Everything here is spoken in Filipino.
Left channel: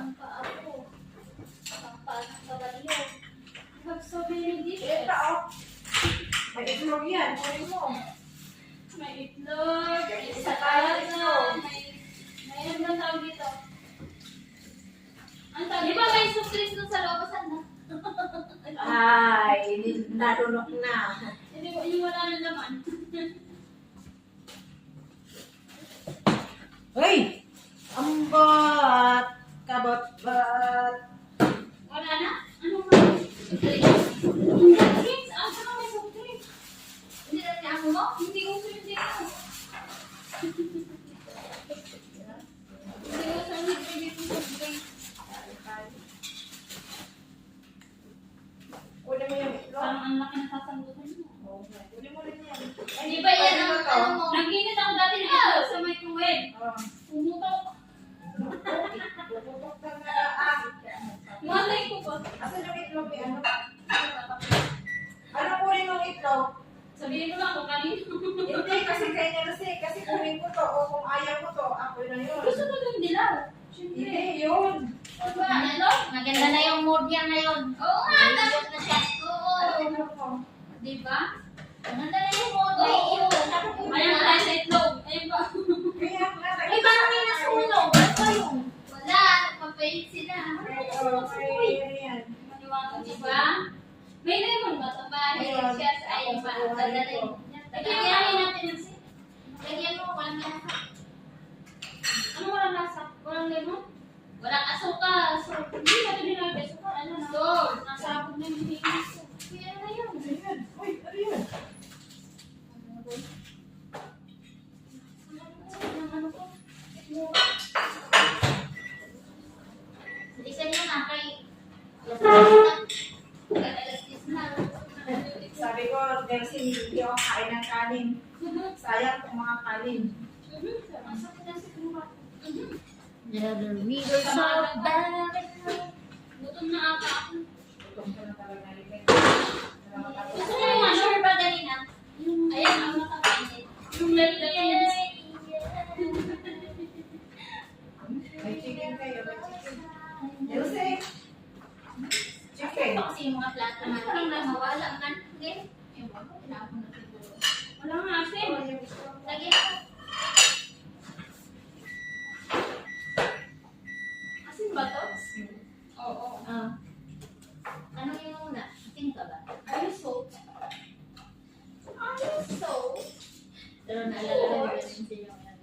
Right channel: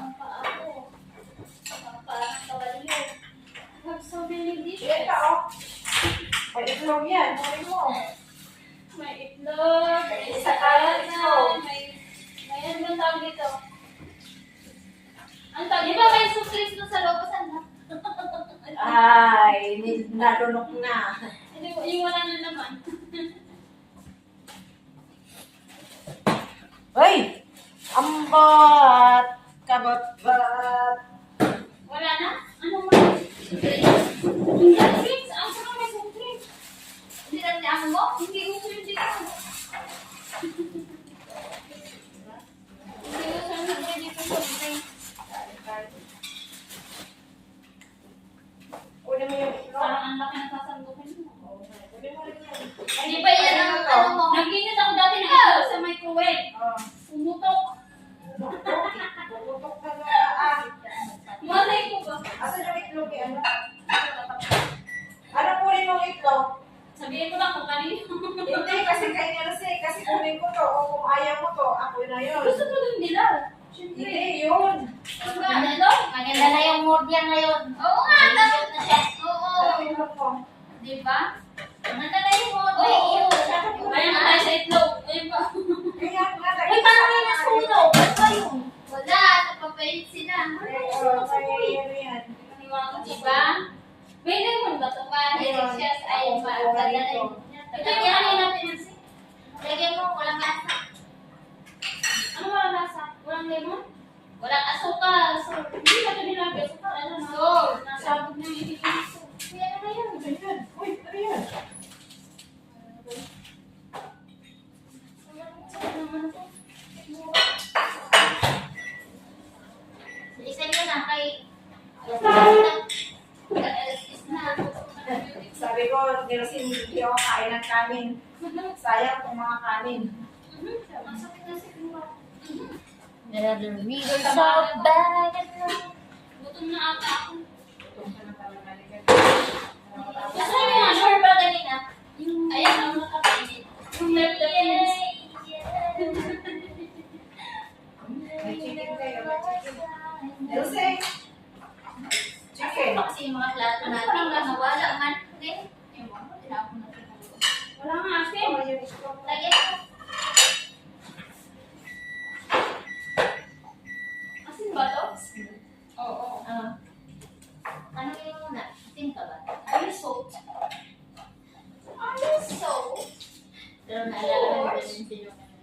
ng paa ko. Ang paa ng kabalyo. I have so many dishes. Ito, oh. May itlog yan. Kunin mo. May itlog, may Isa tayo itlog. may ano ang tawag dito? Ang tawag, di ba may suplis doon sa loob? Saan na? Ay, nalunok na. Hindi, yung wala na naman. Hoy! Ambat! Kabat-bat! Wala na? Ano mo? Suplis? Suplis? Ang saka may suplis. Hindi na niya mo? Hindi ko yun dito. Hindi ko sa mga dito suplis. Kunin mo yung itlog. Parang ang laki ng sasandukin mo. Kunin mo rin yan. Di ba yan ang ano mo? Nagkinit ako dati ng itlog sa microwave. Oh. Pumutok. Bubutok na na. Malay ko ba? Asan yung itlog yan? Ano kunin mong itlog? Sabihin mo lang kung kanino. Hindi, kasi kayo na kasi kunin ko to. O kung ayaw mo to, ako na yun. Gusto ko dun nila. Siyempre. Hindi, yun. Diba? Ano? Maganda na yung mood niya ngayon. Oo nga. Nalilot na siya. Oo. Ano itlog mo? Diba? Maganda na yung mood. Oo. Oo. Ayan na tayo sa itlog. Ayun ba? Kaya nga, Uy, parang may nasunog. Ba't ba yun? Wala. Nagpapaint sila. Diba? May lemon ba ito ba? Delicious. Ayun ba? Ganda na yun. Lagyan natin yan si. Lagyan mo, walang lasa. Ano walang lasa? Walang lemon? Walang asukal. So, hindi na ito dinagay. Asukal. Ano na? Salt. Nasabog na yung ibigay ko. Kaya ano na yun? Uy, ano yun? Bilisan mo na kay... Alas na. Sabi ko, Nelson, hindi ako kain ng kanin. Sayang kung mga kanin. Masakit na siguro. The wheels of Babylon. Gutom na ata ako. Gutom ka na talaga. Gusto mo yung sure ba kanina? Ayan ang makapainit. Yung left the pins.